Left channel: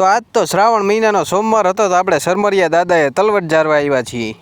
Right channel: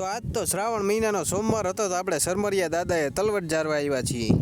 તો આજ તો શ્રાવણ મહિનાનો સોમવાર હતો, તો આપણે સરમરિયા દાદાએ તલવટ જારવા આવ્યા છીએ.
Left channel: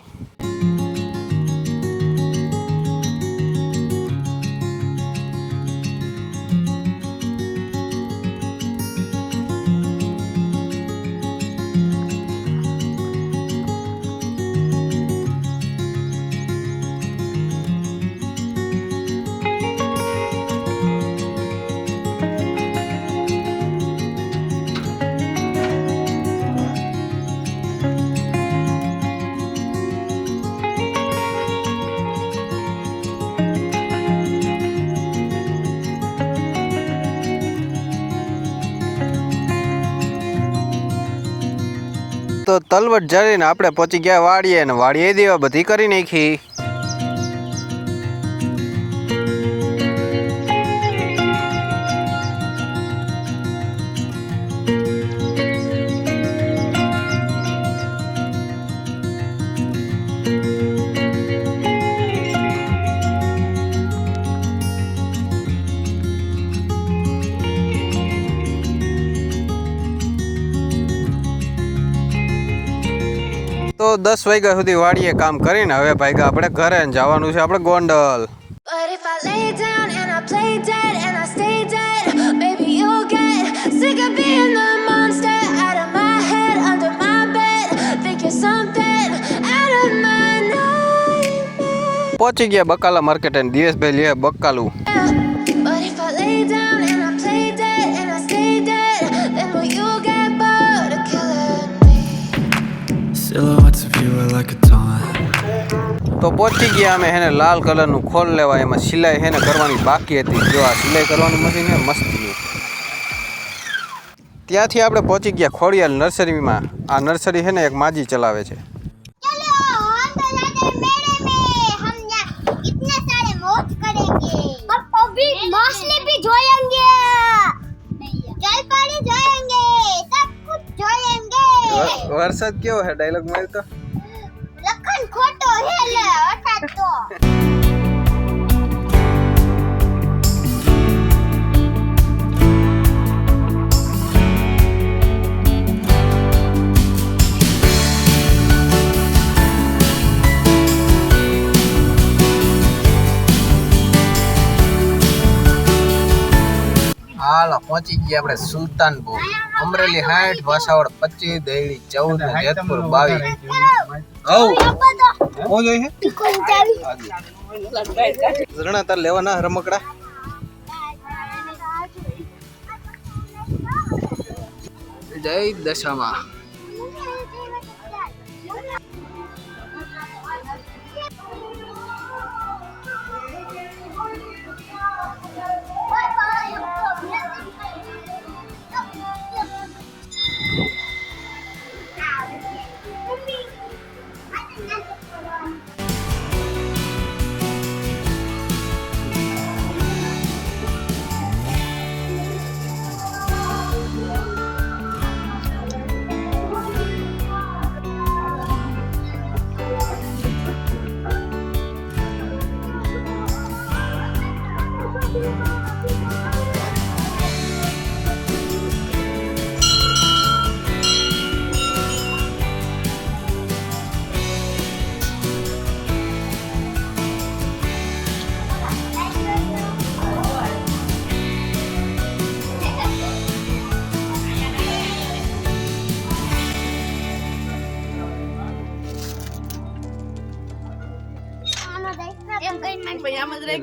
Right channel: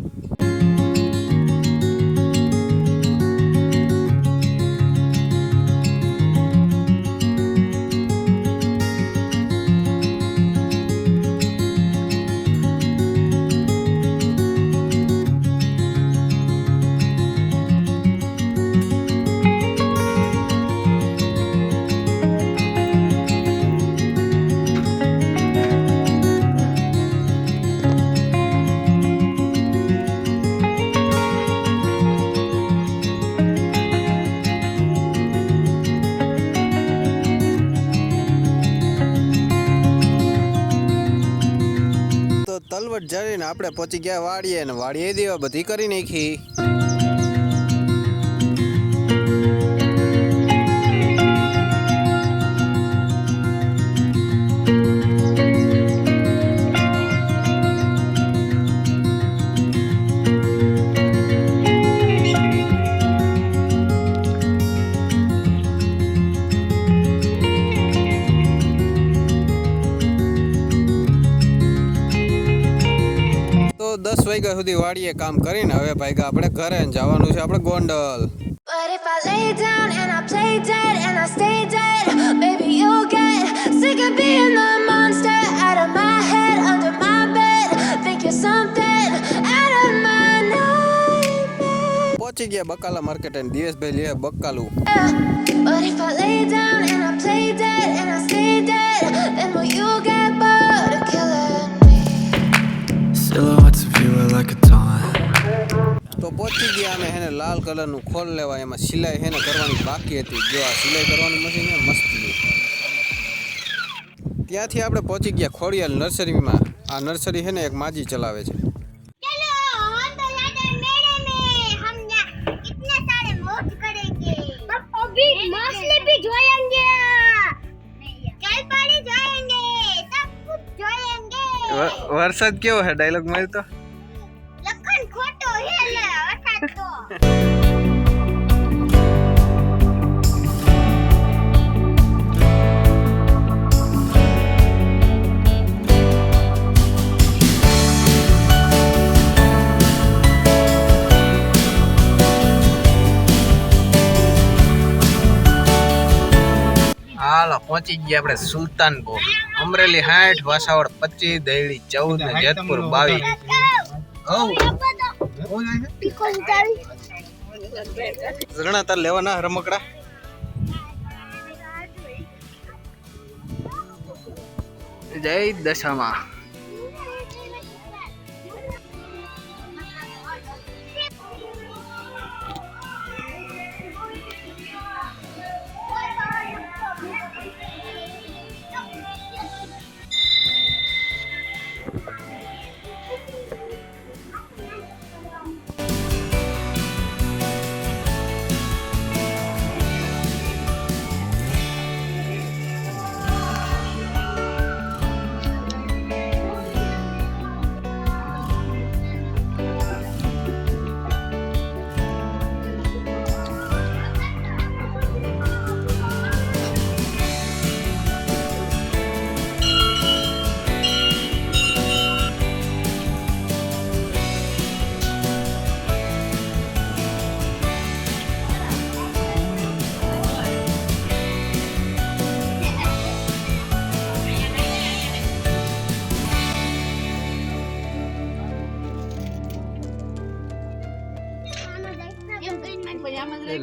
તો તલવટ જાળીને આપણે પહોંચી ગયા વાડીએ, અને વાડીએ દેવા બધી કરી નાખી. તો 10 વાગ્યા સુધી વાડીએ કામ કરીને હવે ભાગ્યા આપણે ઘરે જવાનું છે આપણે ગોંડલ. પહોંચી ગયા બકાલા માર્કેટ અને દિવસભાઈ લે બકાલું. Silhouettes of you are like a taunt. તો પહોંચી ગયા અમે હેને લાલ કલરનું ખોલ લેવા, એમાં સિલાઈ હેને કરવાની બાકી હતી. જો આ સિલાઈ કરવાનું મશીન હે મસ્તી. ત્યાંથી આપણે પહોંચી ગયા ખોડિયાલ નર્સરીમાં. આ નર્સરી છે ને એક માજી ચલાવે છે. વરસાદ કેવો હે? ડાયલોગ મારી તો લખન ખોટો હે લે અટાટ તો. હાલો પહોંચી ગયા આપણે સુલતાનપુર. અમરેલી 60, વાસાવડ 25, દહેડી 14, જેતપુર 22. ઓ જોઈ હે ઝરણા તાર લેવાના રમકડા. જય દશામાં.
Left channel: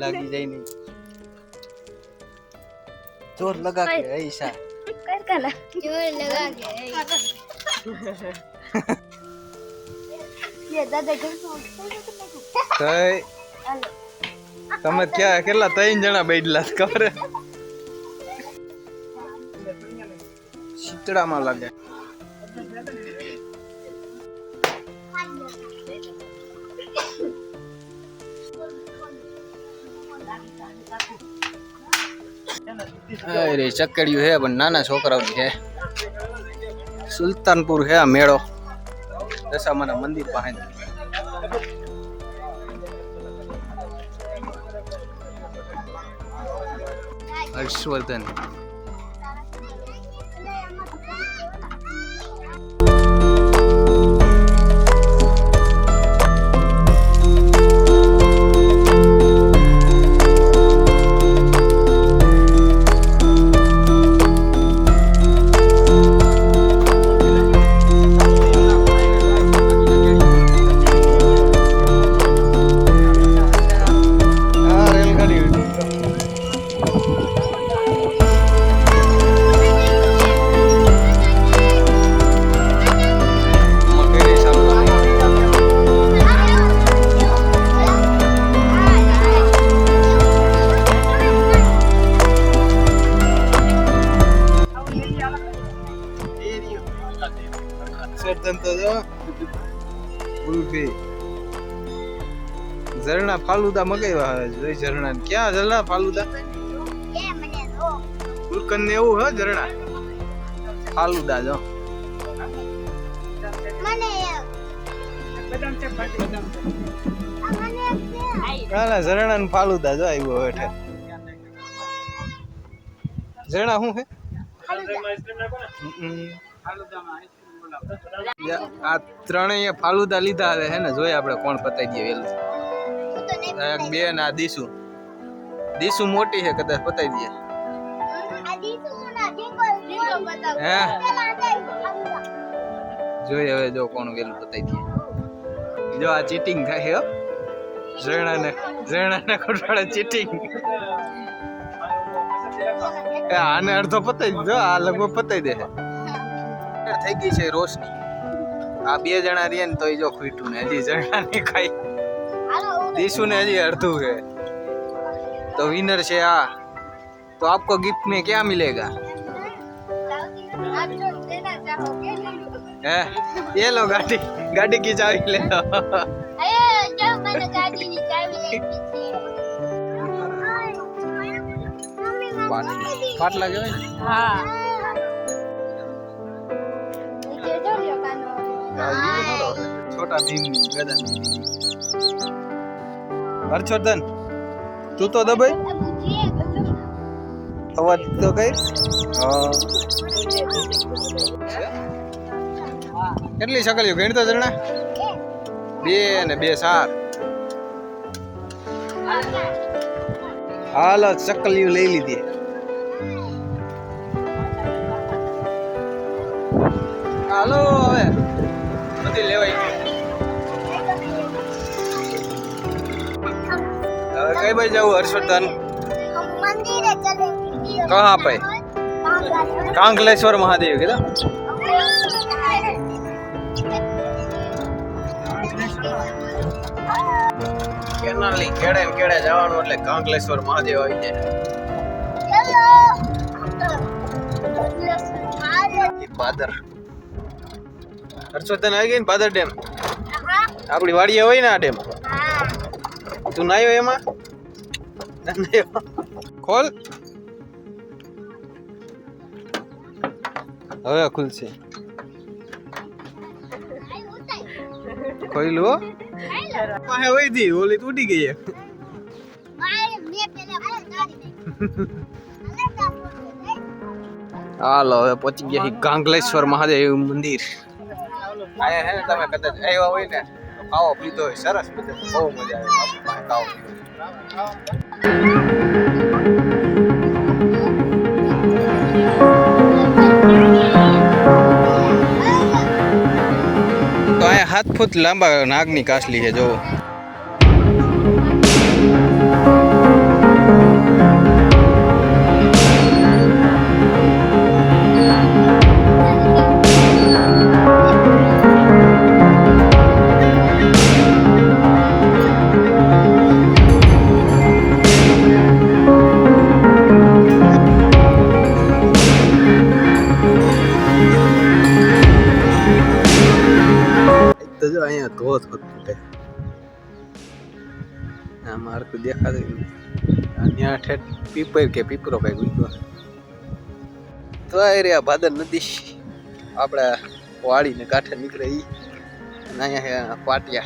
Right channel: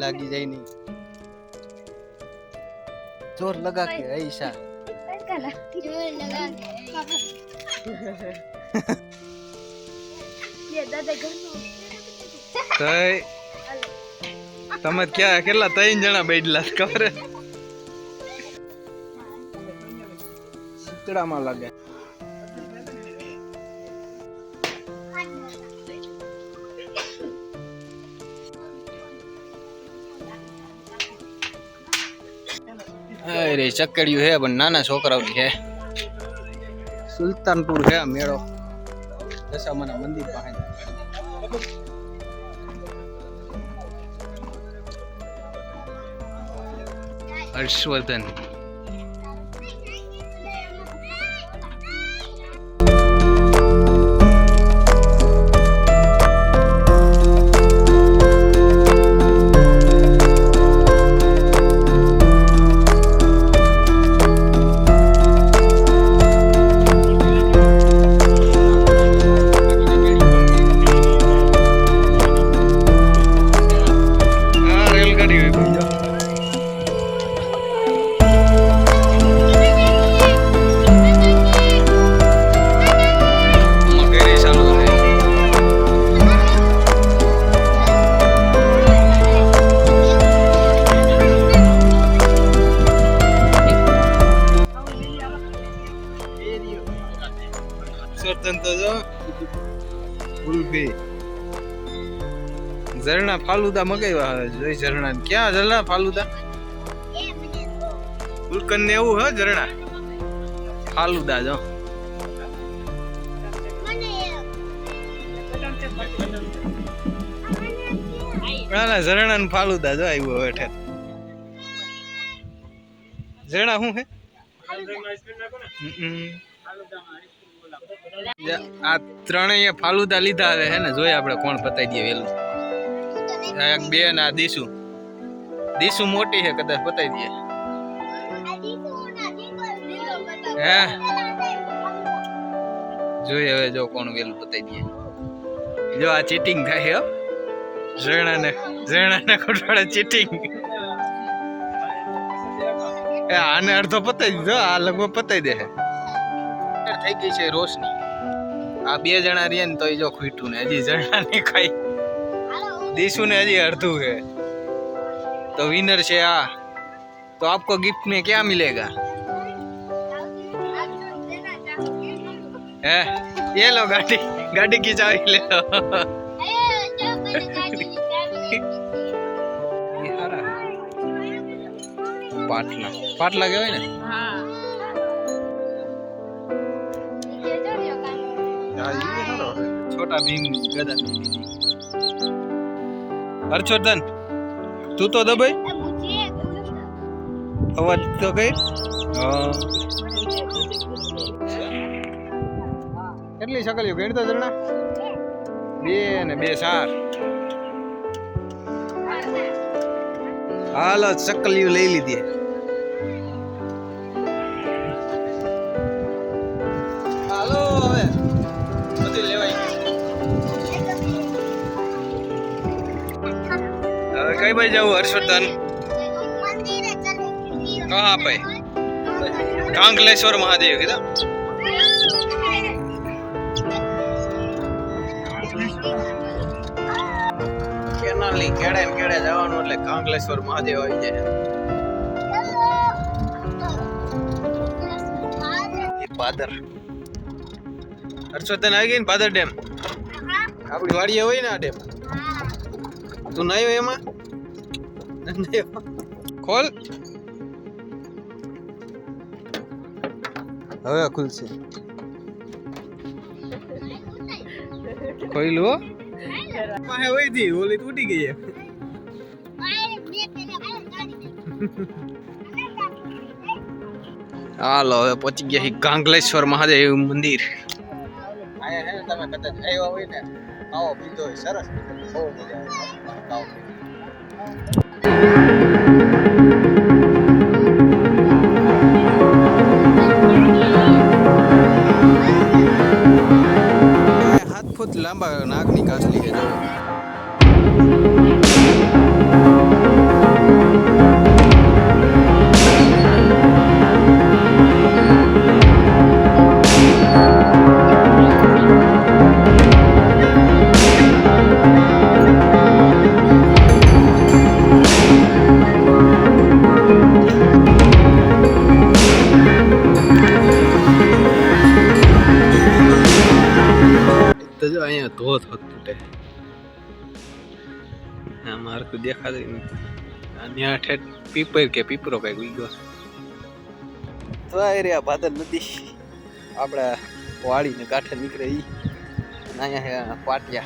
લાગી જાય નહીં. જોર લગા કે ઈશા જોર લગા કે ये दादा घर में તમે ક્યાં કેટલા 3 જણા બેઠલા ખબર શીતળામાં લાગે. અરે ચક્કડિયું હે પણ નાના છોકરાઓની હે. સુલતાનપુર હે આ મેળો દશામાના મંદિર પાસે. હર્ષવર્ધન મકાઈ વાવે જોઈ ઝરણા ક્યાં ઝરણા ફાલુદા એ મને રો ફૂલકન ને એવું હે ઝરણા ફાલુદા જો મને કાલા ઝરણા ને ફાલુદા જો આવ્યો હેઠે ઝરણા શું હે આ ત્રણેય ફાલુદા લીધા હવે હે ને જોઈએ આપણે કોણ પતાઈ દે વેલું એક બે ના દીસુ મોટી છે કદાચ પતાઈ દે હે જોઈએ હવે જો કોણ વેલું પતાઈ દે જો આ ચીટિંગ થાય હો ઝરણા ને ખોટાડે ચીટિંગ આને અડધો પતાઈ દીધો આ લગભગ પતાઈ દે થઈ ગઈ છે રોશની આ બે જણા રહ્યા ને તો જો ખૂટ્યું ને હજી જણા ને ખાઈ દીસુ ને હજી અડધું है तो विनर છે આ तो आपको गिफ्ट में क्या मिलेगा है ये लो गाड़ी की चाबी ले लो जो मैंने गाड़ी निकाली पाट लगे हुए ना हां छोटा भीम गदा हर्षवर्धन तू तो दबाई अवाज तो गई કેટલી સકલીઓ ગણતો જણા બે ને બે ચાર હાલો સકલીઓ લઈ લીધી હાલો હવે બધી લેવાઈ कई बार जाऊँ हर्षवर्धन मंदिर चले कहाँ पे कांगलेश्वर महादेव किधर કેનાલી કેડે ને કેડે જવાનું એટલે કાંગલેશ્વર મહાદેવ આવી જાય પાદર હર્ષवर्धन આવી ગઈ ને પાદર ડેમ આપણી વાડીએ હોય ને આ ડેમ તું નાયો એમાં ખોલ હવે ખુલશે ખોઈલ હો પાસે વઈ દી ઓલી તૂટી ગઈ હાલો હવે પહોંચી ગયા કાંગલેશ્વર મહાદેવ મંદિર આયા હે ને તમે કદાચ આવ્યા હોય ને આવો પીધો હોય સરસ બહુ મજા આવો हाथ फुट लांबा नागनी कासली है जो देखा पीपर के पीपरो कई गुजरो तो आ रे भादर नदी आपड़ा वाड़ी ने काठे निकले ई आया है पाटिया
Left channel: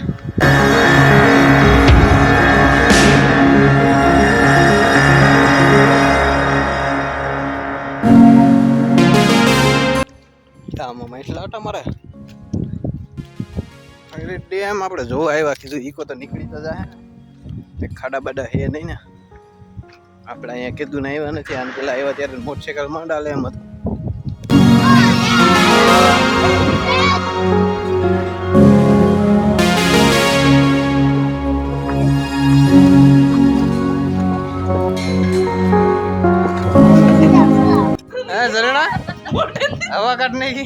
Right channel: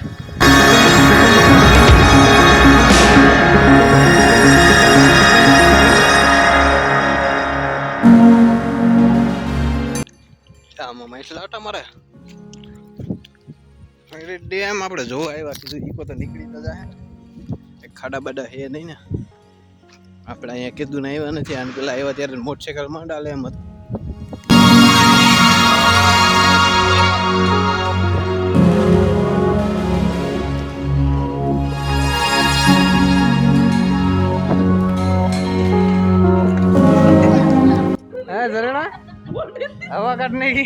तामा मैसला आटा मारे अरे डैम आपड़े जो आया कीधु ईको तो निकली तो जाए खाड़ा बाड़ा है नहीं ना अपना यहाँ कीधु नहीं आने थे आने पहला आया त्यारे मोटरसाइकिल में डाले मत हाँ जरना हवा काटने की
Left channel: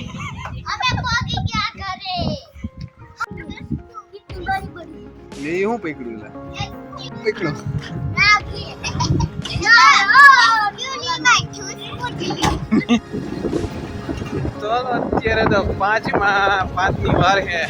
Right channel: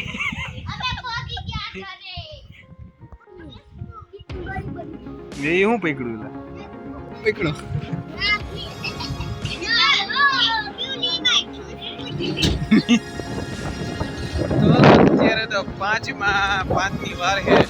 अबे कोकी क्या करे ये हूँ पकड़ू पकड़ू तो तेरे तो 5 की बार है